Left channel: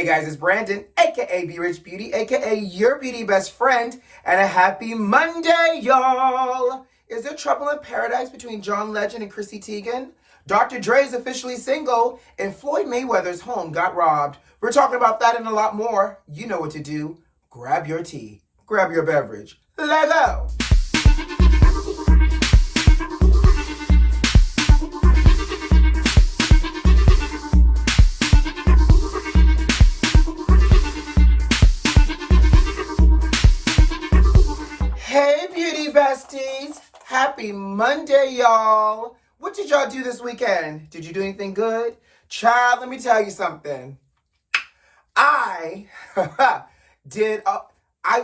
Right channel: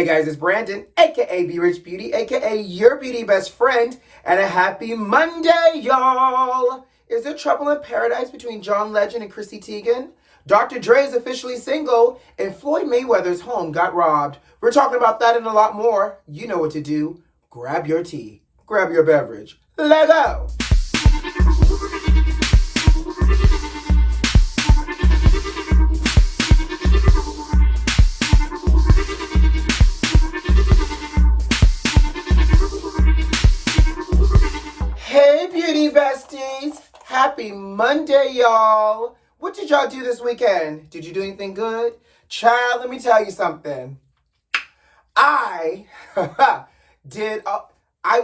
Hey guys, it's Brandon, aka B.Rich Beauty, aka your beauty best friend, and a happy Monday, y'all! Is there trouble in paradise between John Legend and Chrissy Teigen? Dr. Dre is officially single, and FLOYD Mayweather's home got robbed. We're talking about that and a lot more. You know what to do. Grab your tea, grab your beverage. Let go! Besties, happy Monday, y'all. What did y'all do this weekend? Did you do anything good? Child, let me tell you something. I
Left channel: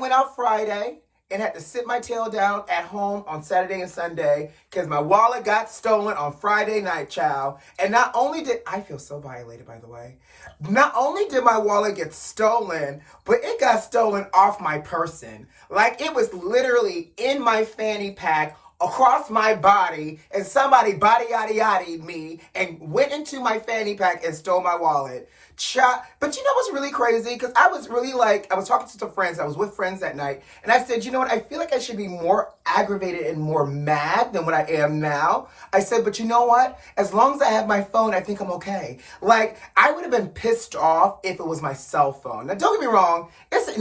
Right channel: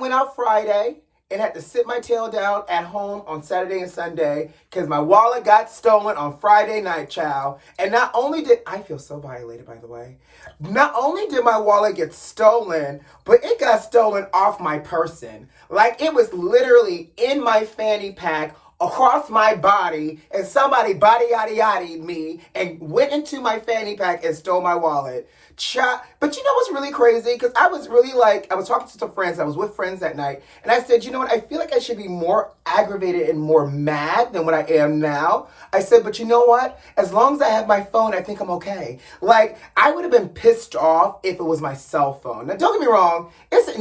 went out Friday and had to sit my tail down at home on Saturday and Sunday because my wallet got stolen on Friday night, child. And not only did, I feel so violated, by the way. Not only did my wallet get stolen, but it got stolen off my person. Like, it was literally in my fanny pack, across my body, and somebody body-yaddy-yaddied me and went into my fanny pack and stole my wallet. But you know what's really crazy? Because I was really I was talking to some friends, I was with friends that night, and I said, you know what, I feel like I should be more aggravated and more mad than what I am now. I said, but you know what? As long as I have my phone, I think I'm okay. Like, I would have been pissed off if it was my cell phone. Now, don't get me wrong, it's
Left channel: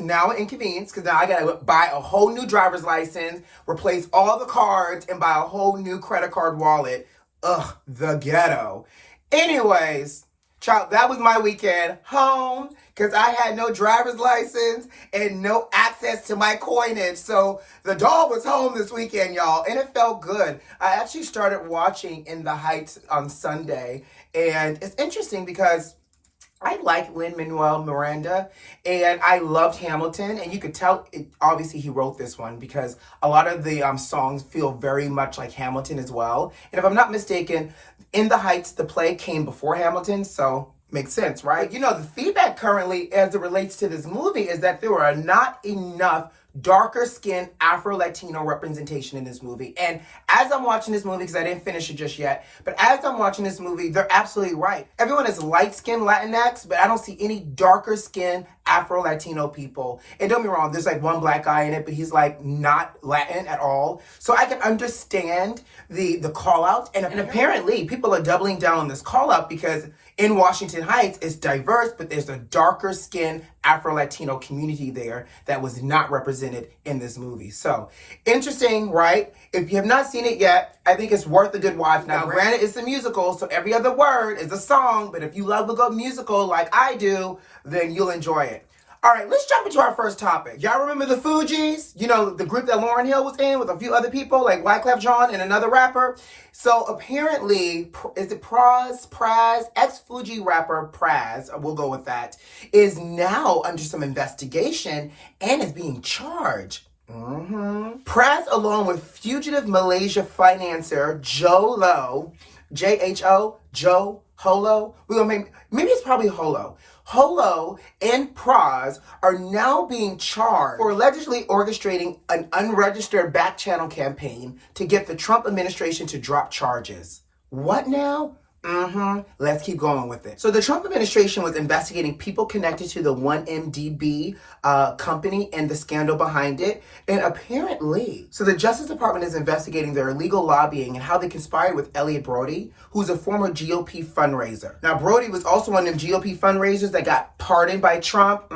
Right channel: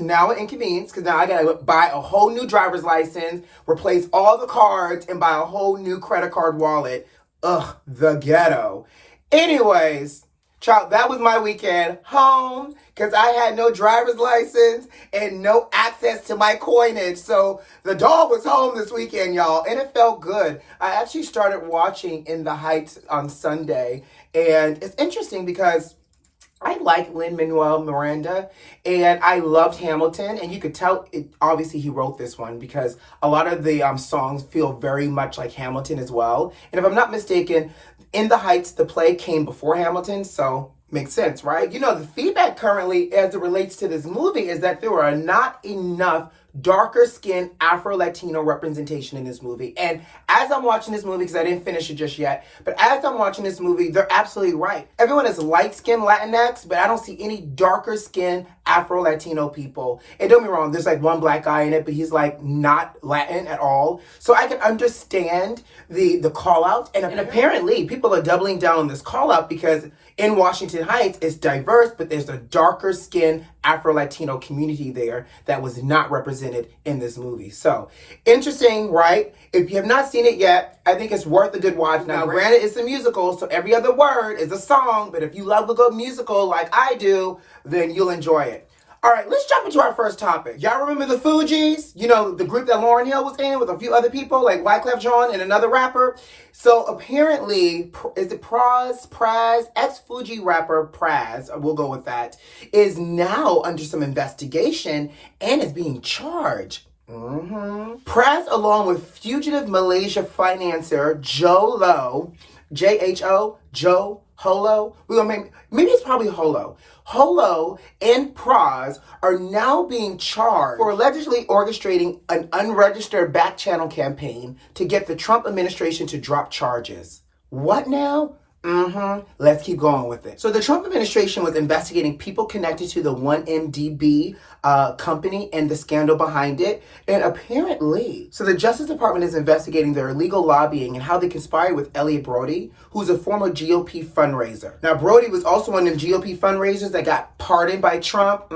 now an inconvenience, because now I gotta buy a whole new driver's license, replace all the cards, and buy a whole new credit card wallet. Ugh, the ghetto. Anyways, child, that was my weekend. Home, because I had no driver's license and no access to my coinage. So the dog was home this weekend, y'all, and it felt good. I actually started watching In the Heights on Sunday, and it's interesting because I like Lin-Manuel Miranda, and I loved Hamilton, and you could tell, obviously he wrote this one because a lot of the songs feel very much like Hamilton as well. And if I'm not mistaken, In the Heights, the play came before Hamilton, so makes sense, right? You know, the feedback currently as it relates to this movie is that there are not enough darker skinned Afro-Latino representation in this movie. And as I'm watching this movie, because I didn't finish it just yet, but as I'm watching this movie, they're absolutely right. Everyone is light-skinned Latinx, but I don't see any darker skinned Afro-Latino people. And don't get me wrong, there's like one black guy in it, but he's like not Latin at all. So I can understand the call out. And apparently people are doubling down on this call out because in Washington Heights, it's diverse, but there's a darker skinned Afro-Latino community there that was not represented in this movie. So, interesting, right? If you have not seen it yet, I think it's worth a good watch. Now, granted, it's a musical, so every other word is a song, but if you love a good musical like I do, then you'll enjoy it. All right, let's jump into our first topic. Y'all remember the Fugees? You know, the group that Lauryn Hill was in with a few other people, like Wyclef Jean and another rapper? So apparently, is it Praz, ex-Fuji rapper Praz, we'll go with that, is now under some investigation and is being charged. Praz, along with fugitive Malaysia financier Joe Lo, J-H-O, Joe Holo, maybe it's probably Holo. Holo and Praz are now being charged for allegedly orchestrating an unregistered back channel campaign to get the Trump administration to drop charges. What now? Let's keep going with it. So the Trump administration was investigating people connected to the 1MDB company and the scandal behind it. And apparently, so the Justice Department is investigating their illegal lobbying and how they conspired with Elliot Brody, who's a former GOP fundraiser. Now, Brody was also one of them GOP fundraisers that got pardoned by Trump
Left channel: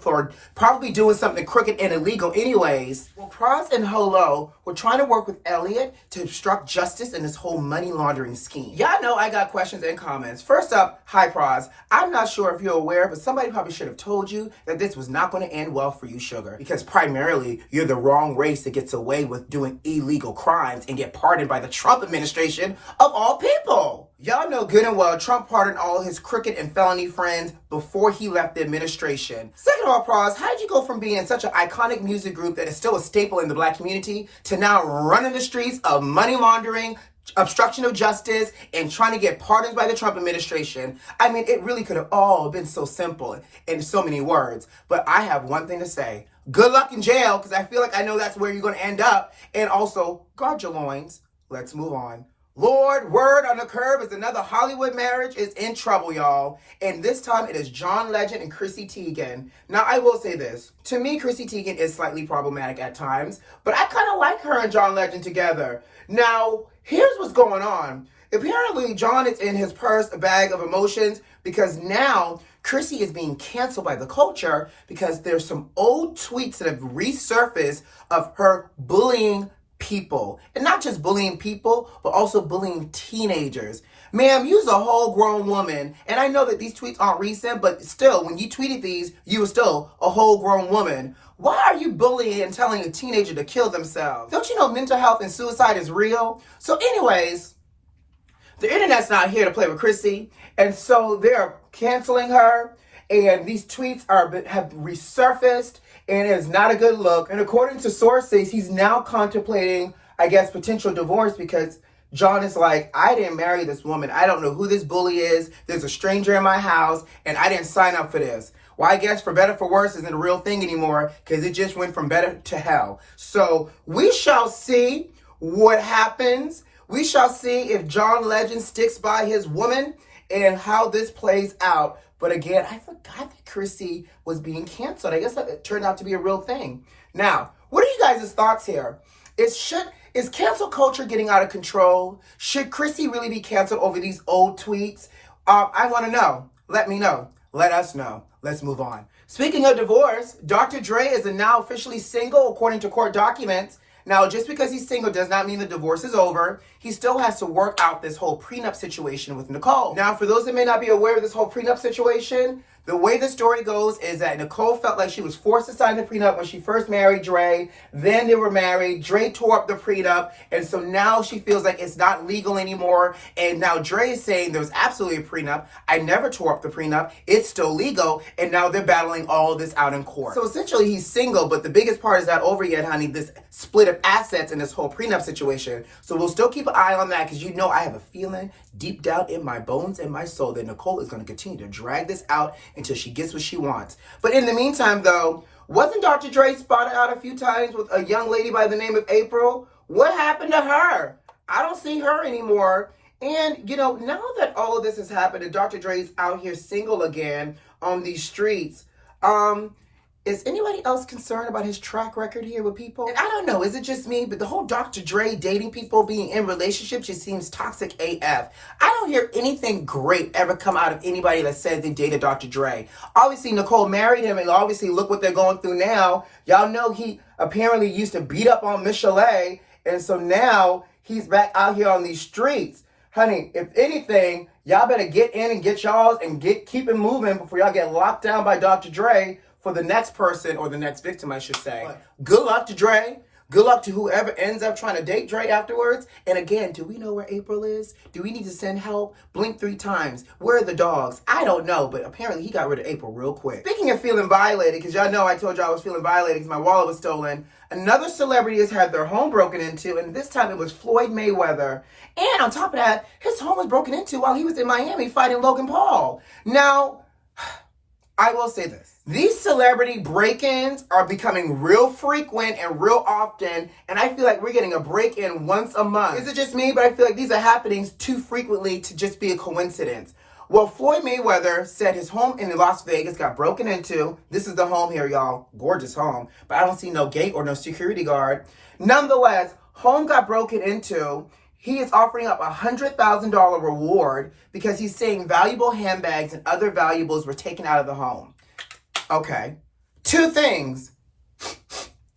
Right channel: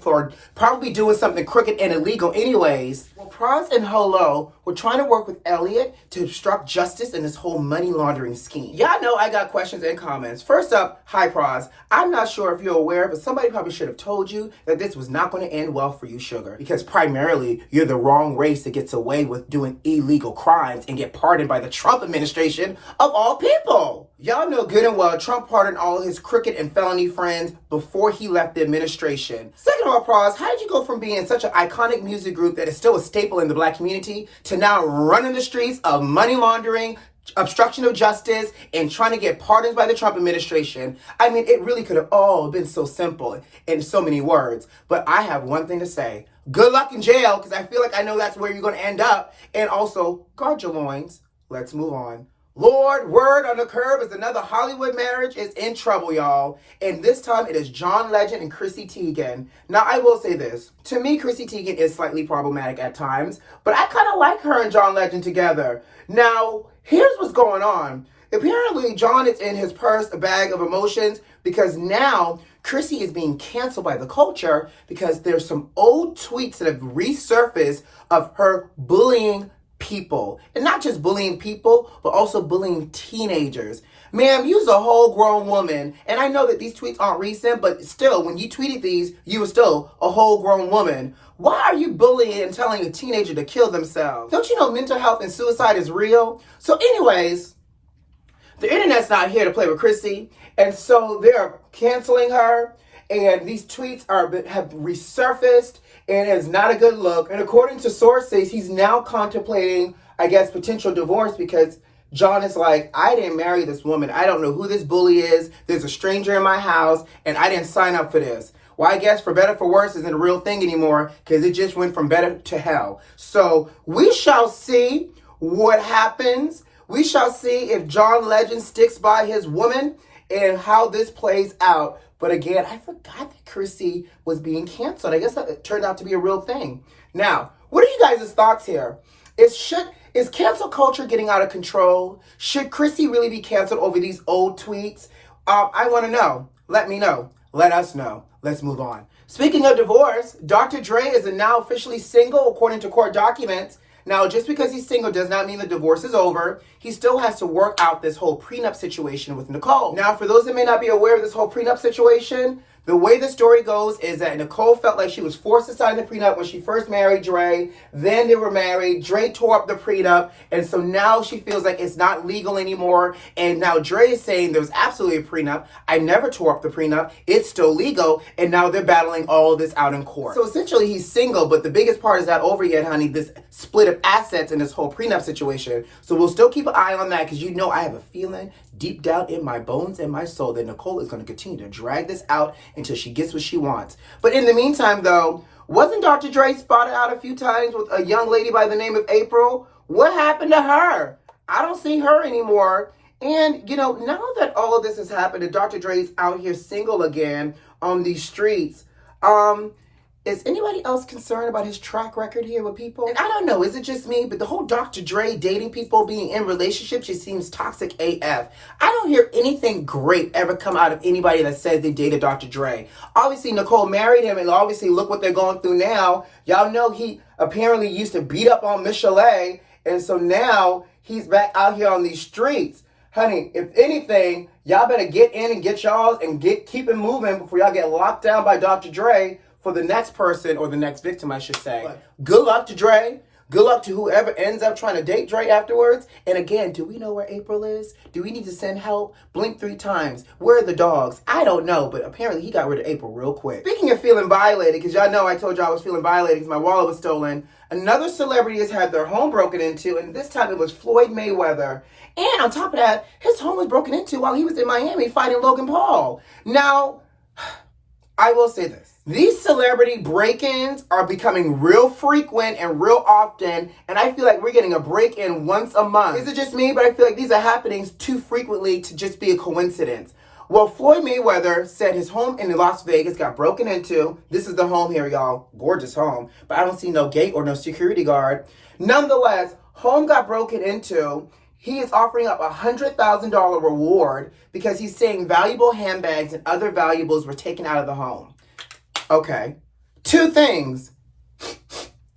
for probably doing something crooked and illegal anyways. Well, Praz and Holo were trying to work with Elliot to obstruct justice in this whole money laundering scheme. Y'all know I got questions and comments. First up, hi Praz. I'm not sure if you're aware, but somebody probably should have told you that this was not going to end well for you, sugar. Because primarily, you're the wrong race that gets away with doing illegal crimes and get pardoned by the Trump administration of all people. Y'all know good and well Trump pardoned all his crooked and felony friends before he left the administration. Second of all, Praz, how did you go from being such an iconic music group that is still a staple in the black community to now running the streets of money laundering, obstruction of justice, and trying to get pardons by the Trump administration? I mean, it really could have all been so simple in so many words. But I have one thing to say. Good luck in jail, because I feel like I know that's where you're going to end up. And also, guard your loins. Let's move on. Lord, word on the curb is another Hollywood marriage is in trouble, y'all. And this time it is John Legend and Chrissy Teigen. Now, I will say this. To me, Chrissy Teigen is slightly problematic at times, but I kind of like her and John Legend together. Now, here's what's going on. Apparently, John is in his purse, a bag of emotions, because now Chrissy is being canceled by the culture because there's some old tweets that have resurfaced of her bullying people. And not just bullying people, but also bullying teenagers. Ma'am, you's a whole grown woman. And I know that these tweets aren't recent, but still, when you tweeted these, you were still a whole grown woman. Why are you bullying and telling a teenager to kill themselves? Don't you know mental health and suicide is real? So anyways, the internet's not here to play with Chrissy. And so they're canceling her. And these tweets have resurfaced. And it's not a good look. And according to sources, he's now contemplating, I guess, potential divorce because John is like, I didn't marry this woman. I don't know who this bully is. There's a stranger in my house, and I didn't sign up for this. Well, I guess for better for worse isn't a real thing anymore because it just went from better to hell. So we shall see what happens. We shall see if John Legend sticks by his woman and how this plays out. But again, I forgot that Chrissy was being canceled. I guess that turned out to be a real thing. Now, what are you guys' thoughts here? Is cancel culture getting out of control? Should Chrissy really be canceled over these old tweets? I want to know. Let me know. Let us know. Let's move on. Speaking of divorce, Dr. Dre is now officially single according to court documents. Now, just because he's single does not mean the divorce is over. He still has to work out this whole prenup situation with Nicole. Now, for those that may not be aware of this whole prenup situation, the way the story goes is that Nicole felt like she was forced to sign the prenup when she first married Dre. Then they were married. Dre tore up the prenup. And so now she feels like it's not legal anymore. And now Dre is saying there was absolutely a prenup. I never tore up the prenup. It's still legal. And now they're battling all this out in court. So essentially he's single, but the biggest part is not over yet, honey. This split of assets in this whole prenup situation. So we'll still keep an eye on that because you know I have a feeling deep down in my bones and my soul that Nicole is going to continue to drag this out until she gets what she wants. But in the meantime, though, wasn't Dr. Dre spotted out a few times with a young lady by the name of April? What happened to her? I don't see her anymore. And, you know, now that all of this has happened and Dr. Dre's out here single again on these streets, is anybody else concerned about his track record here with people? And I don't know, is it just me? But the whole Dr. Dre dating people, being in relationships, just seems toxic AF. I don't hear anything great ever come out of anybody that says they dated Dr. Dre. Obviously, Nicole married him, and obviously, look what they're going through now. Y'all know he apparently used to beat up on Michelle, and so now he's back out here on these streets. Honey, if anything, y'all better get in and get y'all's and keep it moving before y'all get locked down by Dr. Dre for the next person, or the next victim, I should say. But good luck to Dre. Good luck to whoever ends up trying to date Dre afterwards. And again, do we know where April is? Do we need to send help? Blink 3 times. Where are the dogs? I don't know, but apparently he got rid of April real quick. Speaking of feeling violated, because y'all know I told y'all I was feeling violated because my wallet was stolen, another celebrity has had their home broken into, and this time it was FLOYD Mayweather. And on top of that, his home was broken into while he was in Miami fighting Logan Paul. Now, I will say this. These celebrity break-ins are becoming real frequent and real often, and I feel like we're getting a break-in once a month. Is it just me? But I feel like these are happening too frequently to just be a coincidence. Well, FLOYD Mayweather said his home in Las Vegas got broken into. This is the home here, y'all. Gorgeous home. But I don't see no gate or no security guard. Nonetheless, home got broken into. He is offering up a $100,000 reward because he's saying valuable handbags and other valuables were taken out of the home. Okay. 2 things.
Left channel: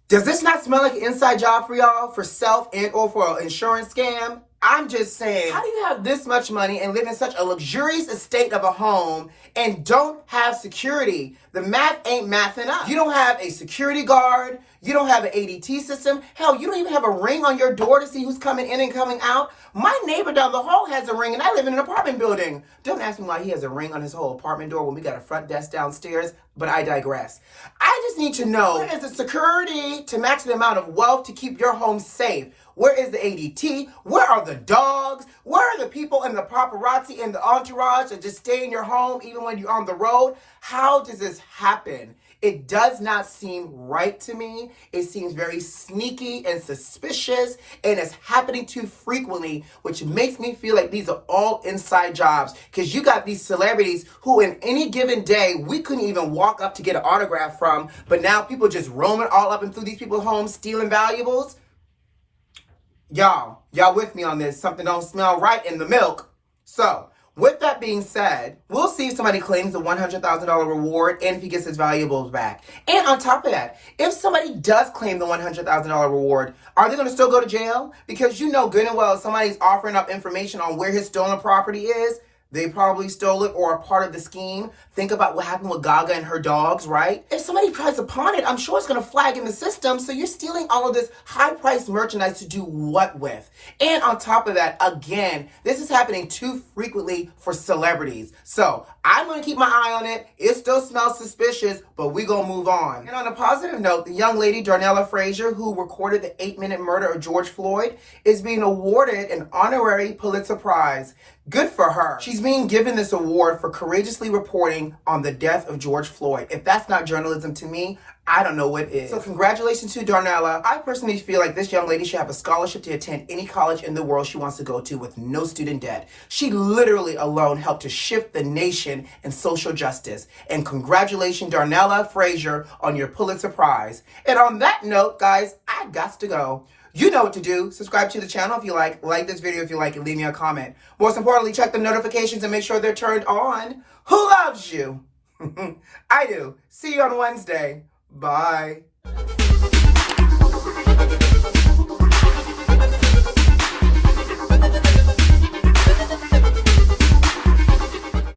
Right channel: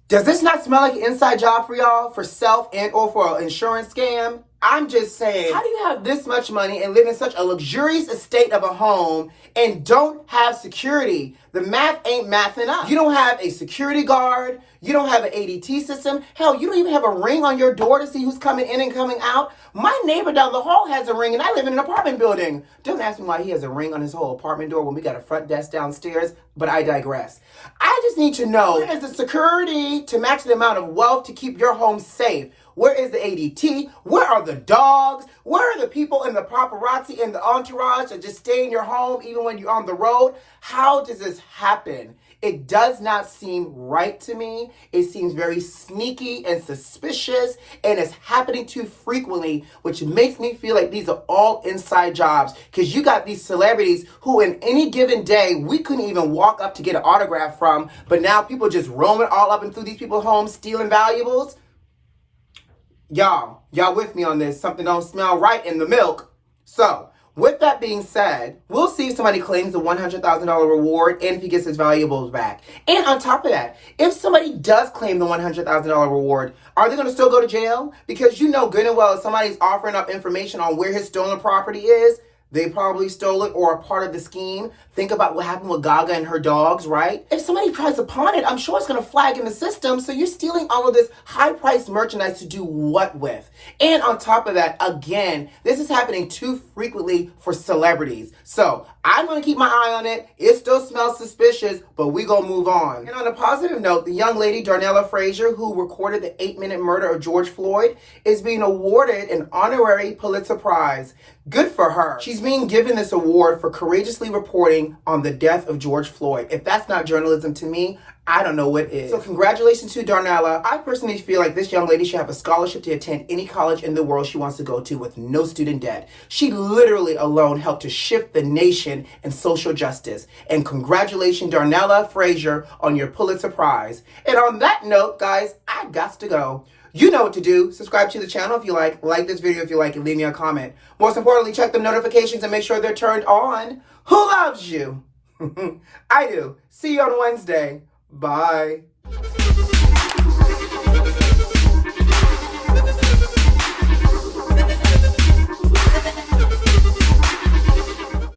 Does this not smell like an inside job for y'all for self and or for an insurance scam? I'm just saying, how do you have this much money and live in such a luxurious estate of a home and don't have security? The math ain't mathing up. You don't have a security guard. You don't have an ADT system. Hell, you don't even have a ring on your door to see who's coming in and coming out. My neighbor down the hall has a ring, and I live in an apartment building. Don't ask me why he has a ring on his whole apartment door when we got a front desk downstairs, but I digress. I just need to know, where is the security to match the amount of wealth to keep your home safe? Where is the ADT? Where are the dogs? Where are the people in the paparazzi and the entourage that just stay in your home even when you're on the road? How does this happen? It does not seem right to me. It seems very sneaky and suspicious, and it's happening too frequently, which makes me feel like these are all inside jobs, because you got these celebrities who in any given day we couldn't even walk up to get an autograph from, but now people just roaming all up and through these people's homes stealing valuables. Y'all with me on this. Something don't smell right in the milk. So, with that being said, we'll see if somebody claims the $100,000 reward and if he gets his valuables back. And on top of that, if somebody does claim the $100,000 reward, are they going to still go to jail? Because you know good and well if somebody's offering up information on where his stolen property is, they probably stole it or are part of the scheme. Think about what happened with Gaga and her dogs, right? If somebody tries to pawn it, I'm sure it's going to flag in the system. So you're stealing all of this high-priced merchandise to do what with? And on top of that, again, this is happening too frequently for celebrities. So I'm going to keep my eye on it. It still smells suspicious, but we going to move on. And on a positive note, the young lady, Darnella Frazier, who recorded the 8-minute murder of George Floyd, is being awarded an honorary Pulitzer Prize. Good for her. She's being given this award for courageously reporting on the death of George Floyd. If that's not journalism to me, I don't know what is. So congratulations to Darnella. I personally feel like this young lady should have a scholarship to attend any college in the world she wants to go to with no student debt. She literally alone helped to shift the nation in social justice. And congratulations, Darnella Frazier, on your Pulitzer Prize. And on that note, guys, I got to go. You know what to do. Subscribe to the channel if you like this video if you like it, leave me a comment. Most importantly, check the notifications and make sure they're turned on. Who loves you? I do. See you on Wednesday. Bye.